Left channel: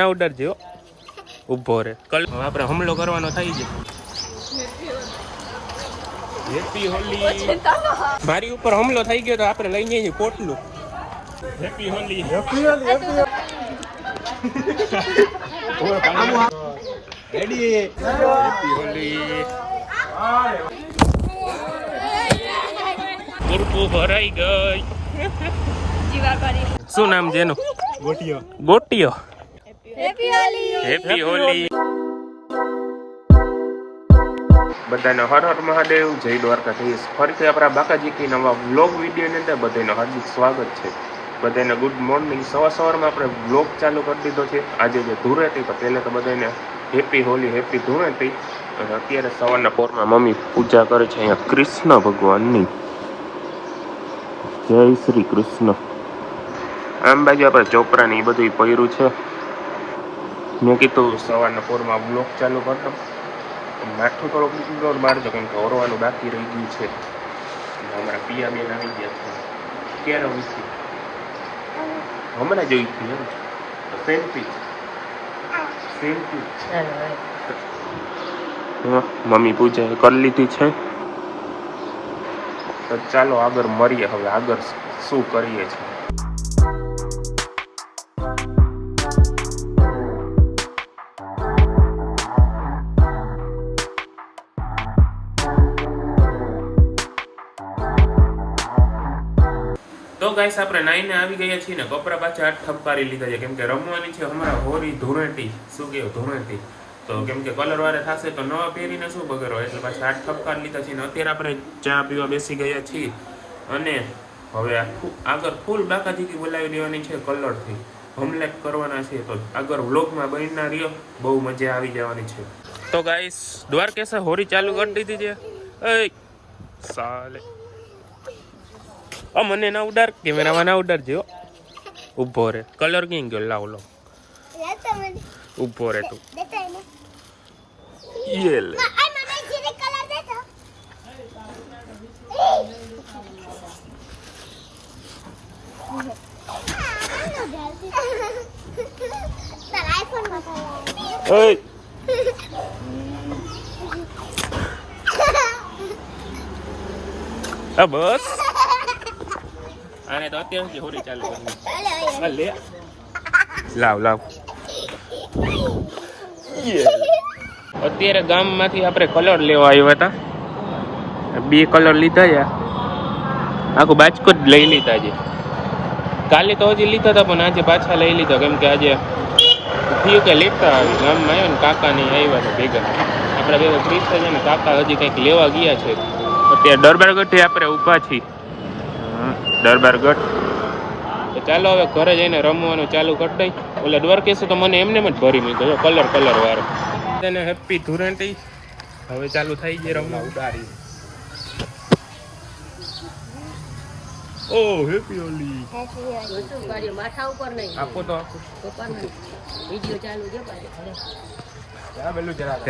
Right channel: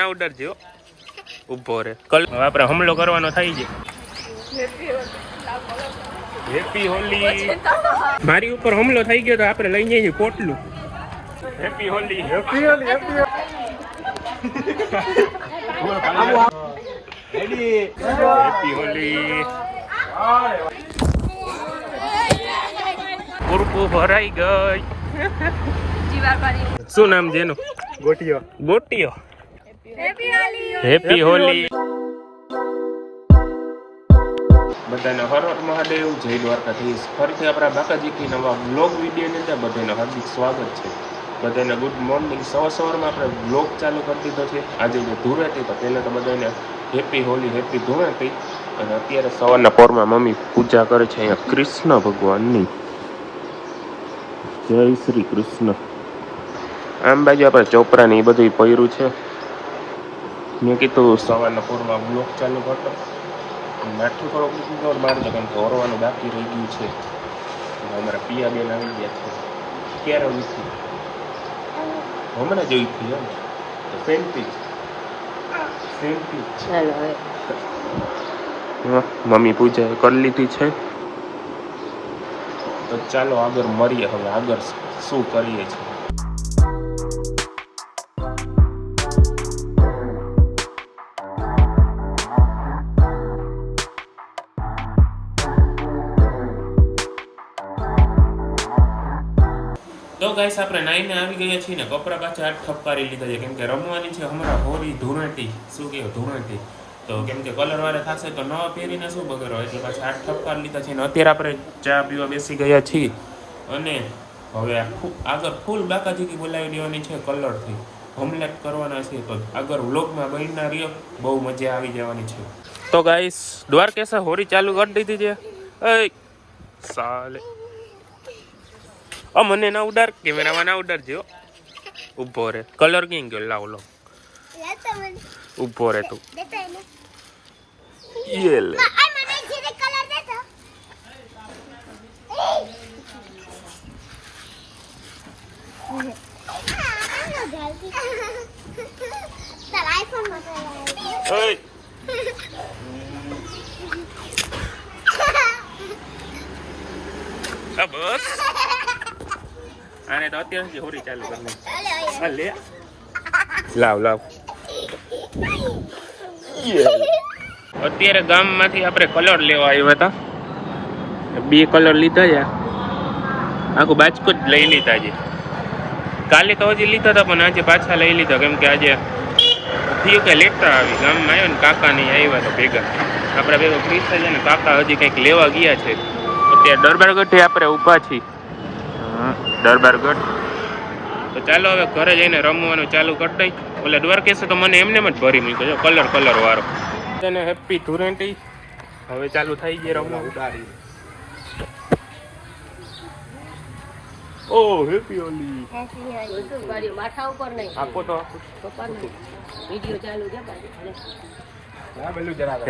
ના ઉડર જો ઊભો રે કલ આપણે હુમલો કરવાનો થઈ છે. હેપી હોલી. મારી ઉપર હુમલો થઈ ગયો તો આપણે લઈ જઈએ પોટલું. Happy Holi. Happy Holi. Happy ready. Happy Holi. પૂરપૂ ભરાઈ ગઈ. શું નામ છે એનું? ગોટિયો. ગોટિયો. હેપી હોલી. બધાને હર હર મહાદેવ. જય દ્વારકાધીશ. ફરીથી આપણા બાકાજી નવા વ્લોગ વિડીયોની અંદર બધાનું હાર્દિક સ્વાગત છે. બધાને ગુડ મોર્નિંગ. સવારમાં આપણે વ્લોગ ચાલુ કરી દીધો છે. આજે જે ધૂળેટી તો પહેલાં તો બધાને હેપી હોલી, હેપી ધૂળેટી. અને અત્યારે સવારના પોરમાં મમ્મી પૂજા કરે છે અહીંયા કૃષ્ણ ભગવાનની. જય શ્રી કૃષ્ણ. આમ બાજુ આપણે ચોપરાની એ બધું પહેર્યું છે. મેં કીધું સવારના પોરમાં બ્લોગ ચાલુ કરતો. માથું થોડોક ઇગ્નોર મારી દો કેમ કે ઓરવાનું બાકી રહી ગયું છે. અમારા પિયા બેન આવી ગયા છે. ક્યારે ઉઠી? હમણાં જ ઉઠી એમ તો સેલ્ફી મમ્મી પૂજા કરી લીધી છે. તો ચાલો આગળ મળીએ. હવે આગળ શું કરીએ છીએ. તો ગાઈસ આપણે નાઈને આવી ગયા છીએ ને કપડા પાછા હાથ ઠપકારી લીધા છે કેમ કે રમવાની છે હમણાં હોળી ધૂળેટી. શું કહેવાય ધૂળેટી તો કેમ કે કલર વાળે થશે તો નવા પહેરીને શું બગડો એટલે પાછા હાથ ઠપકારી લીધા છે. ને અત્યારે આપણે ચા પીવા બેસી ગયા છીએ અને હવે આગળ ફૂલ બાકાજી બોલાવી દેવાની છે કલરથી. હોમલેટ કરવાના છે તો આગળ વ્લોગમાં બનના રહ્યો. બહુ મજા આવી જવાની છે. તો ગાઈસ દ્વારકેશ હોળી ચાલુ કરી દીધી છે. એ સાલે મને ના ઉડાર, કેમેરામાં ના ઉડારજો. ઉભો રે કલર કેમ ગયો? લાવ લો ઉભો રે તું. ये ले बस આને તો અત્યારથી હોરી ચાલુ કરી લે. લાવ લાવ. અત્યારે ગામમાંથી આપણે કલર લેવા આવ્યા હતા. 2 કલર લીધા છે. આખું બાજકું જ લઈ લીધા છે. કાલે તો હજી લીધા હતા પણ આજે પાછા લઈ લીધા કેમ કે આજે થયું કે લેતા આવી. ગામમાં આવ્યો ને કાકા નહીં આવ્યા તો ભેગા આપણે ભેગો ફ્રી થઈ જાય ને કાકા હજી કંઈક લેવા ગયા છે. અત્યારે દરબારગઢે આપણે ઊભા છીએ. દરબારગઢ. તો ચાલો હવે ઘરે જઈને રમવાનું ચાલુ કરી દઈ. ઓલા દ્વારકેશ તો મને એમને જ ભરી મૂક્યો કલર વાળો. તેને હેપી ધૂળેટી. હવે ચાલુ થઈ ગઈ રમવા ઉડાડી. ઓ હેપી હોલી. માથા ઉપર નહીં આપો તો વિડિયો ચાલુ છે.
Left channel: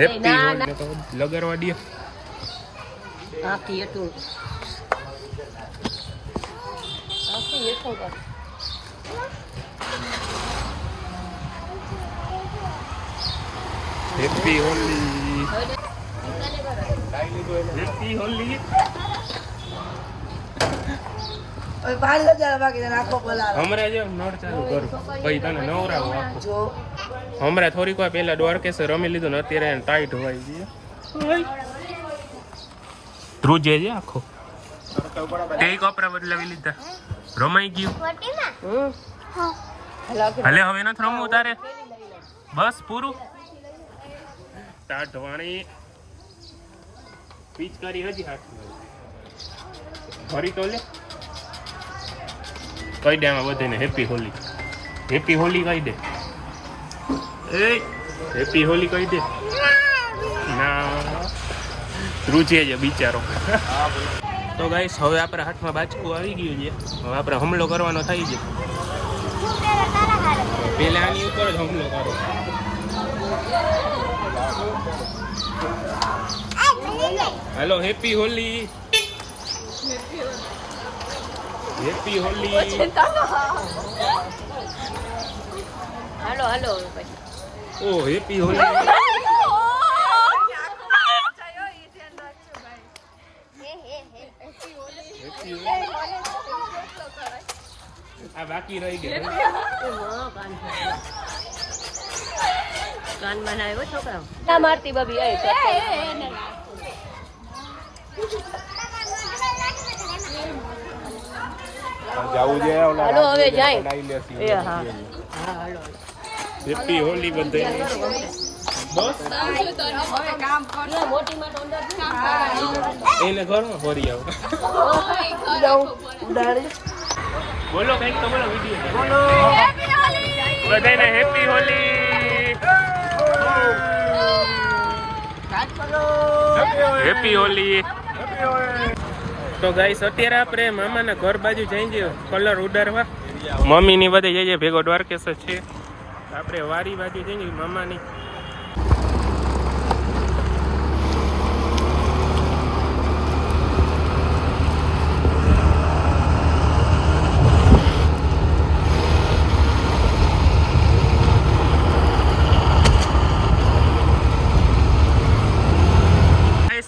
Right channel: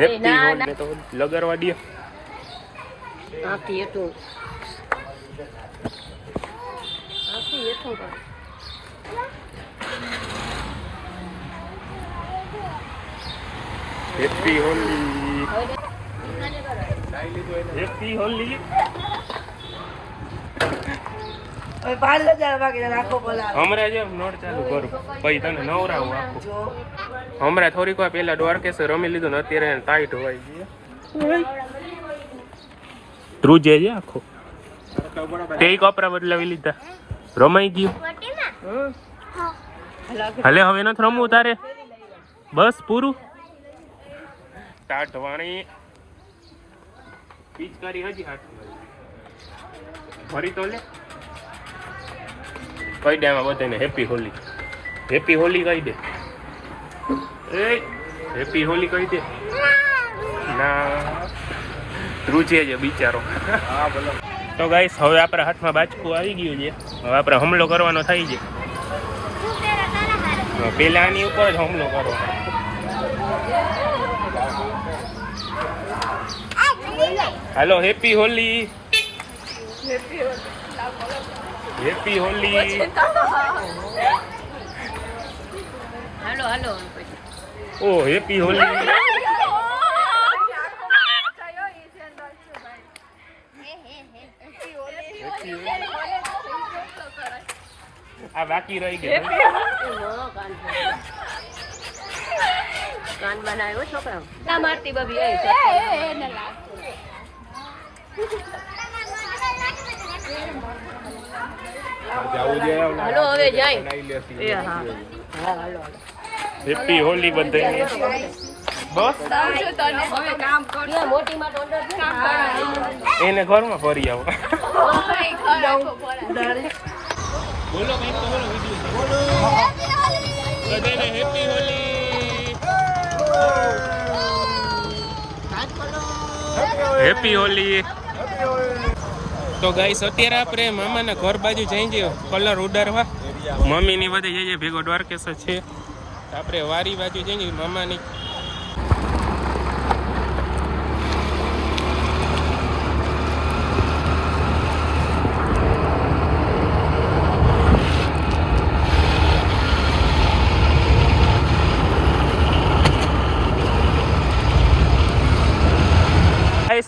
હેપી હોલી તો લગાડવા દે. આખી એટલું હેપી હોલી. હેપી હોલી. હમણાં જો નળ ચાલુ કરું પછી તને નવરાવું આખું. હમણાં થોડીક વાર પેલા દ્વારકેશ રમી લીધું ને અત્યારે ટાઈટ હોવાઈ ગઈ. ધ્રુજે છે આખો. કઈ કપડા બદલાવી લીધા? રમાઈ ગયું. ભલે હવે નથી રમવું તારે. બસ પૂરું. ટાટવાણી પિચકારી હજી હાથમાં ભરી તો લે. કહી દે આમાં બધાને હેપી હોલી. હેપી હોલી કહી દે. એ હેપી હોલી કહી દે. ના રૂચે છે બિચારો. તો ગાઈસ હવે આપણા હાથમાં બાચકું આવી ગયું છે. હવે આપણે હુમલો કરવાનો થઈ છે. પેલા આની ઉપર જ હુમલો કરો. હાલો હેપી હોલી. હેપી હોલી. હાલો હાલો ઓ હેપી હોલી આ બાકી રહી ગયું કાન માં આવ્યો છોકરા ના મારતી બબી આવી છે હાલો હવે જાય હા હાલો હેપી હોલી બધાને બસ એને ઘરમાં ફરી આવો બોલો કઈક તો બોલો વિડીયો બધાને હેપી હોલી હેપી હોલી તો ગાઈસ અત્યારે આપણે મામાના ઘર બાજુ જઈ જઈએ કલર ઉડાડવા મમ્મીની બધે જઈએ ભેગો દ્વારકેશ છે આપણે વારી બાજુ જઈએ મામાની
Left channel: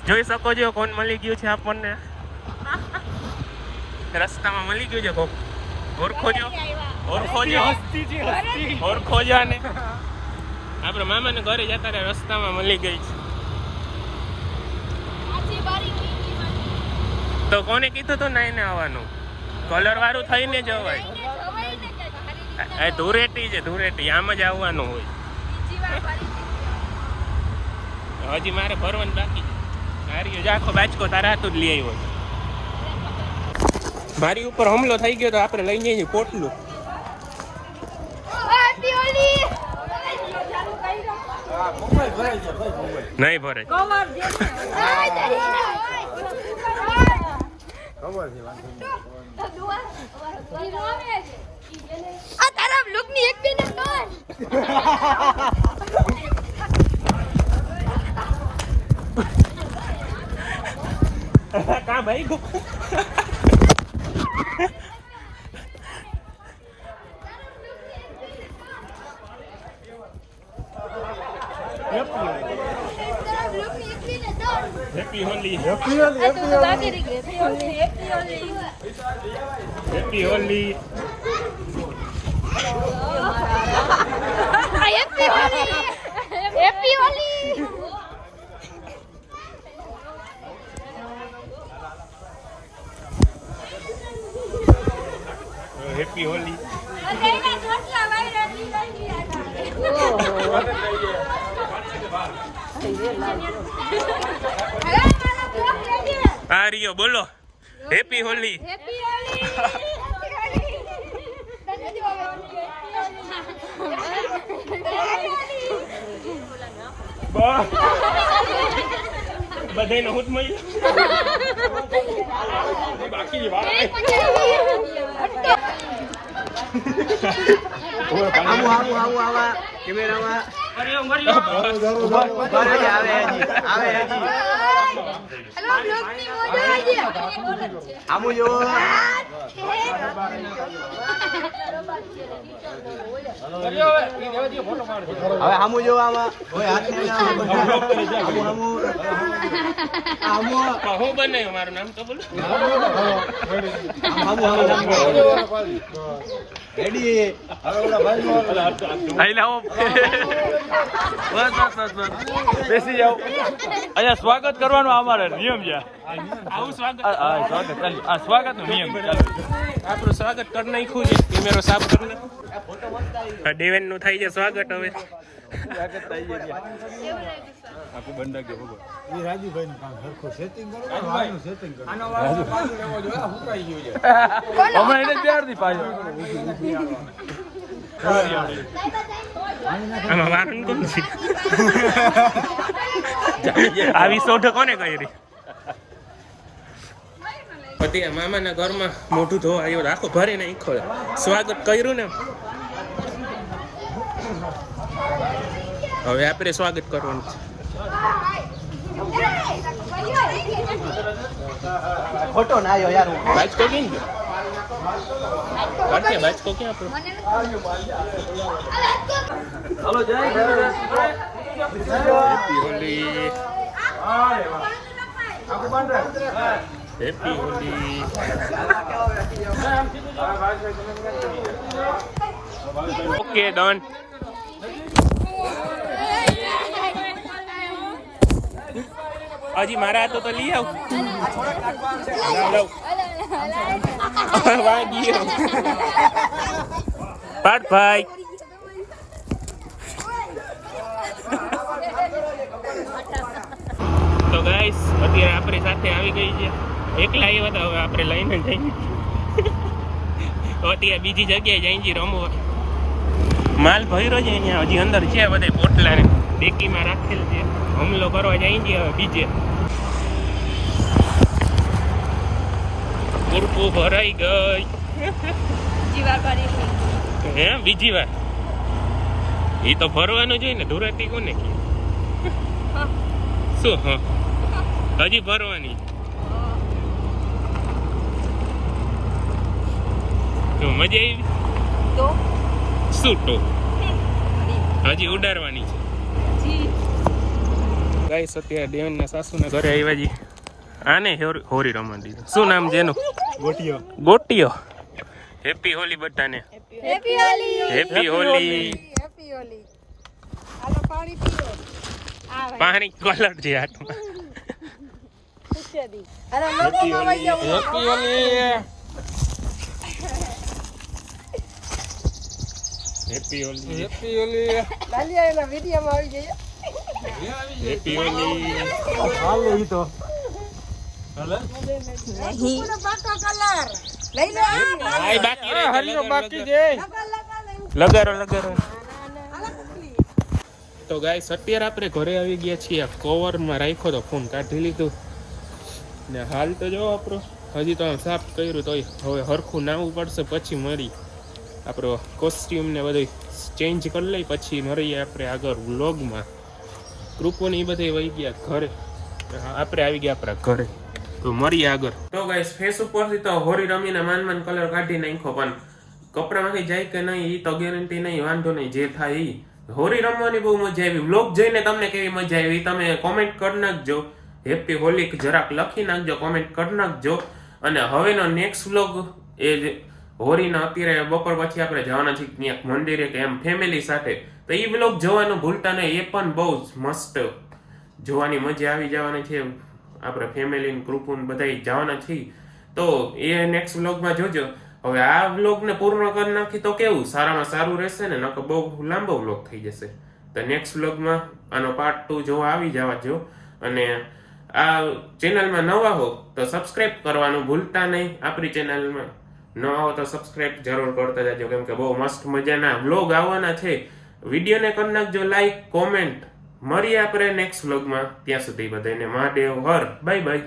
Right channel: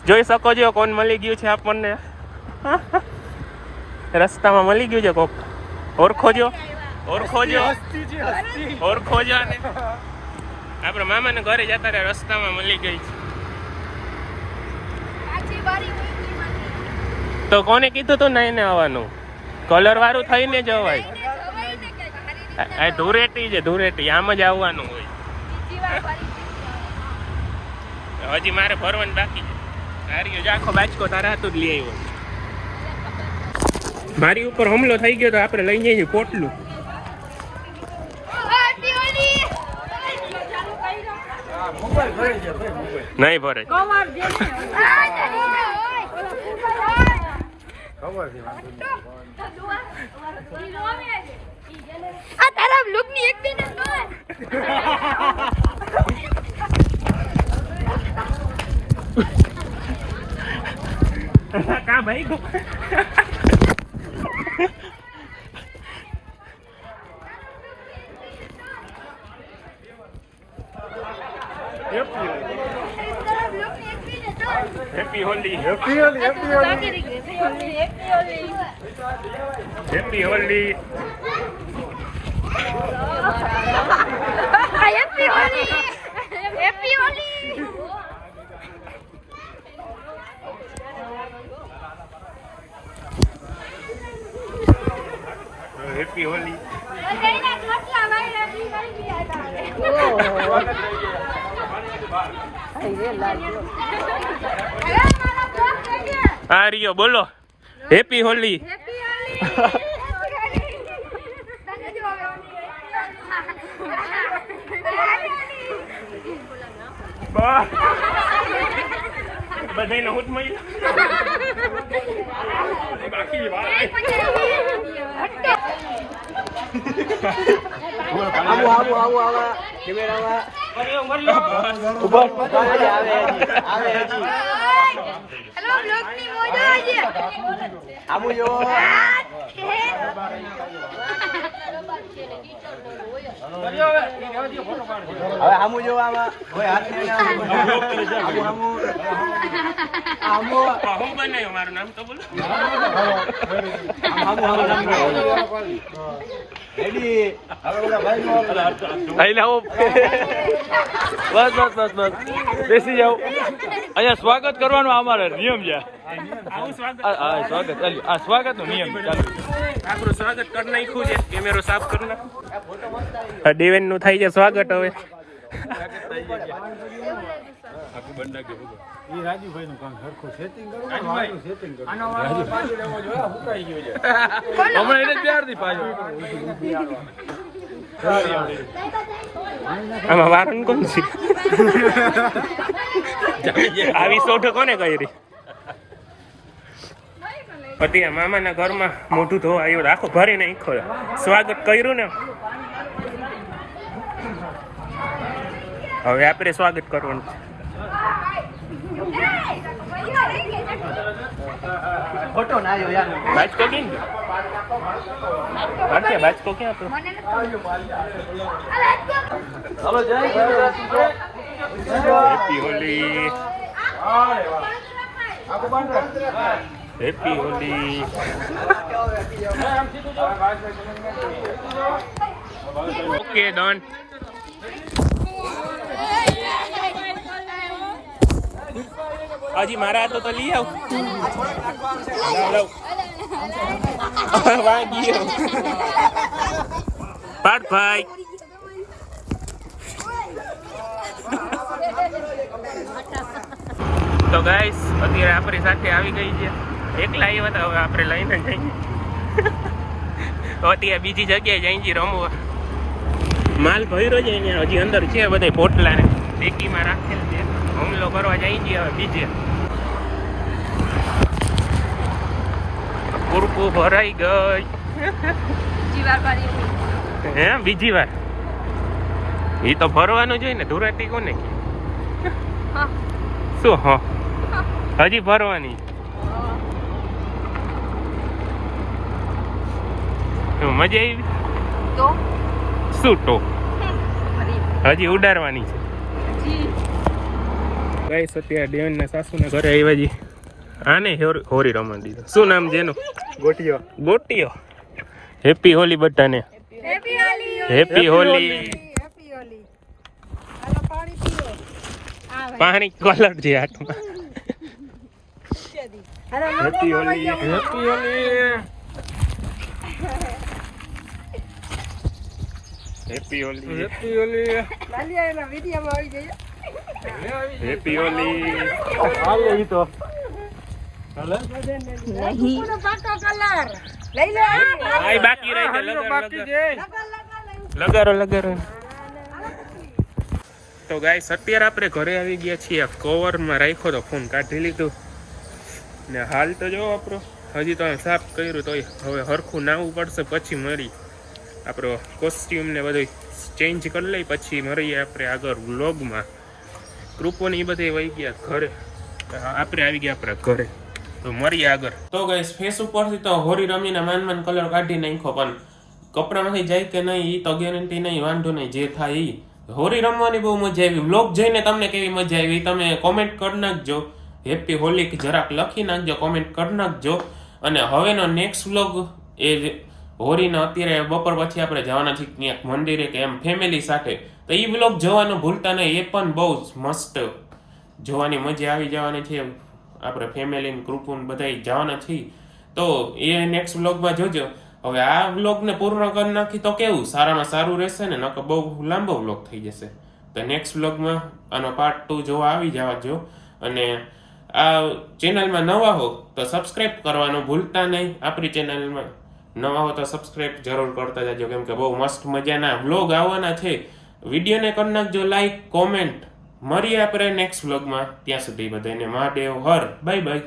જોઈ શકો છો કોણ મળી ગયું છે આપણને રસ્તામાં મળી ગયું છે કોક ઓળખોજો ને આપણે મામાને ઘરે જતા રહ્યા રસ્તામાં મળી ગઈ છે તો કોને કીધું તું નહીં ને આવવાનું કલર વાળું થઈને જવાય ધૂળેટી છે ધૂળેટી આમ જ આવવાનું હોય હજી મારે ભરવાનું બાકી છે હારી આખો બાચકો તારા હાથું જ લઈ આવ્યો મારી ઉપર હુમલો થઈ ગયો તો આપણે લઈ જઈએ પોટલું નહીં ભરાય કા ભાઈ happy Holi happy Holi happy Holi happy Holi happy Holi happy Holi happy Holi આ રિયો બોલો હેપી હોલી બધાને હુટ મળી બાકી વાત આવા કેમેરામાં આમુ જો આમુ જો આમાં આમુ હું બનાવ્યું મારું નામ તો બોલો રેડી આઈ લાવો બસ બેસી જાઓ અહીંયા સ્વાગત કરવાનું અમારે નિયમ છે સ્વાગત ચાલ્યું આ સ્વાગત નો નિયમ ચાલુ આપણું સ્વાગત કરી નાખ્યું છે કેમેરો સાફ કરી નાખ દેવેન નું થઈ છે સ્વાગત હવે રાજુભાઈ નું કામ સરખું સેટિંગ કરો સેટિંગ કરો અમે એને ત્યારથી પાછું આમાં વારન કોણ છે આવી સોઢ કોને કરી પતિ મામાના ઘરમાં મોઢું ધોવા આવ્યો આખો ભરે ને ઈખો સ્વાગત કર્યું ને હવે આપણે સ્વાગત કરવાનું છે ફોટો ના આવ્યો યાર બાજકો કેમ ભારતીય બાચકો ક્યાં આપણો? મને નથી હાલો જય happy Holi, happy Holi. Okay done. હજી મારા હાથો તો લઈ આવ. લાવ વાગી પાડ ભાઈ. તો ગાઈસ અત્યારે આપણી સાથે આવી ગઈ છે. એકલા આવ્યા હતા, હવે આપણે લઈને જઈએ. અત્યારે બીજી જગ્યાએ જઈ છીએ રમવા. માલ ભર્યો છે અહીંયા, હજી અંદર છે બધા પોટલા ડેકીમાં રાખેલ છે. હુમલો કરવા જઈ છીએ હવે બીજે. પૂરપું ભરાઈ ગઈ. હે બીજી વાર? એ તો ભરવાનું જોઈએ ને. ધુરાતી કોને શું? હા હજી ભરવાની. તો મજા આવી તો શું? તો હજી ઉડાડવાની છે. ગાઈસ અત્યારે દેવનના સાસુના ઘરે આવ્યા જી. આને હોરી રમવા દીધો. શું નામ છે એનું? ગોટિયો. ગોટિયો. હેપી હોલી બધાને. Happy Holi. Happy Holi. Happy Holi. હાલો પાણી પીએ. પાણી કલર છે હાથમાં. Happy Holi. Happy Holi. Happy Holi. Happy Holi. લાલિયા એના વિડીયોમાં આવી જઈએ. હેપી હોલી. હાલે ઈ તો લઈ લે. આય બાકી રહી ગયો. બાકી છે. લગારો લગારો. તો ગાઈસ અત્યારે આપણે ઘરે આવી ગયા છીએ. કવરમાં રાખ્યો તો ફોન કાઢી લીધું ને હાલ તો જો આપણો હજી તો આમ સાફ કર્યું તો હવે હરખું નાવું પડશે. પછી મળી આપણો કોસ્ટ્યુમ ને બધું ચેન્જ કરી લઈ પછી મળીએ આપણે આગળ વ્લોગમાં. ગ્રુપોને એ બધે વહી ગયા ઘરે, આપણે આવી ગયા આપણા ઘરે. તો મળીએ આગળ. તો ગાઈસ ફેસ ઉપરથી તો હોરી રમીને માન કલર કાઢી નાખ્યો, પણ કપડામાંથી જાય કે નહીં એ તો ગેરંટી નહીં. વાંધો નહીં, જે થાય એ. હોરી રમવાની બહુ મજા આવી. વ્લોગ જોઈને તમને કેવી મજા આવી તમે કોમેન્ટ કરી નાખજો. હેપી હોલી જરાક લખી નાખજો, કોમેન્ટ કરી નાખજો. અને હવેનો નેક્સ્ટ વ્લોગ એ હોરીનો અત્યારે બપોર પછી આપણે જવાના છીએ ક્યાંક મંદિરે કે એમ ફેમિલી સાથે. તો એ વ્લોગ જોવાનું ભૂલતા નહીં. એ પણ બહુ જ મસ્ત જોવાની મજા આવી જવાની છે. આપણે ફેમિલી ગ્રુપ બધા જવાના છીએ. તો એ નેક્સ્ટ વ્લોગમાં જોજો. હવે આ વ્લોગને પૂર્ણ કરી નાખી તો કેવું સારામાં સારું રહેશે ને, નકર બહુ લાંબો વ્લોગ થઈ જશે. તો નેક્સ્ટ વ્લોગમાં આનો પાર્ટ 2 જોવા આવી જવા જો. અને આ ચેનલમાં નવા હો તો સબસ્ક્રાઇબ કરવાનું ભૂલતા નહીં. આપણી ચેનલમાં નવા હો તો સબસ્ક્રાઇબ જરૂર કરતા જાજો, કેમ કે બહુ મસ્ત મજાના વ્લોગ આવવાના છે. વિડીયોને કરી નાખજો લાઈક, કોમેન્ટ. મળીએ આપણે નેક્સ્ટ વ્લોગમાં. ત્યાં સુધી બધાને મહાદેવ હર. Bye bye.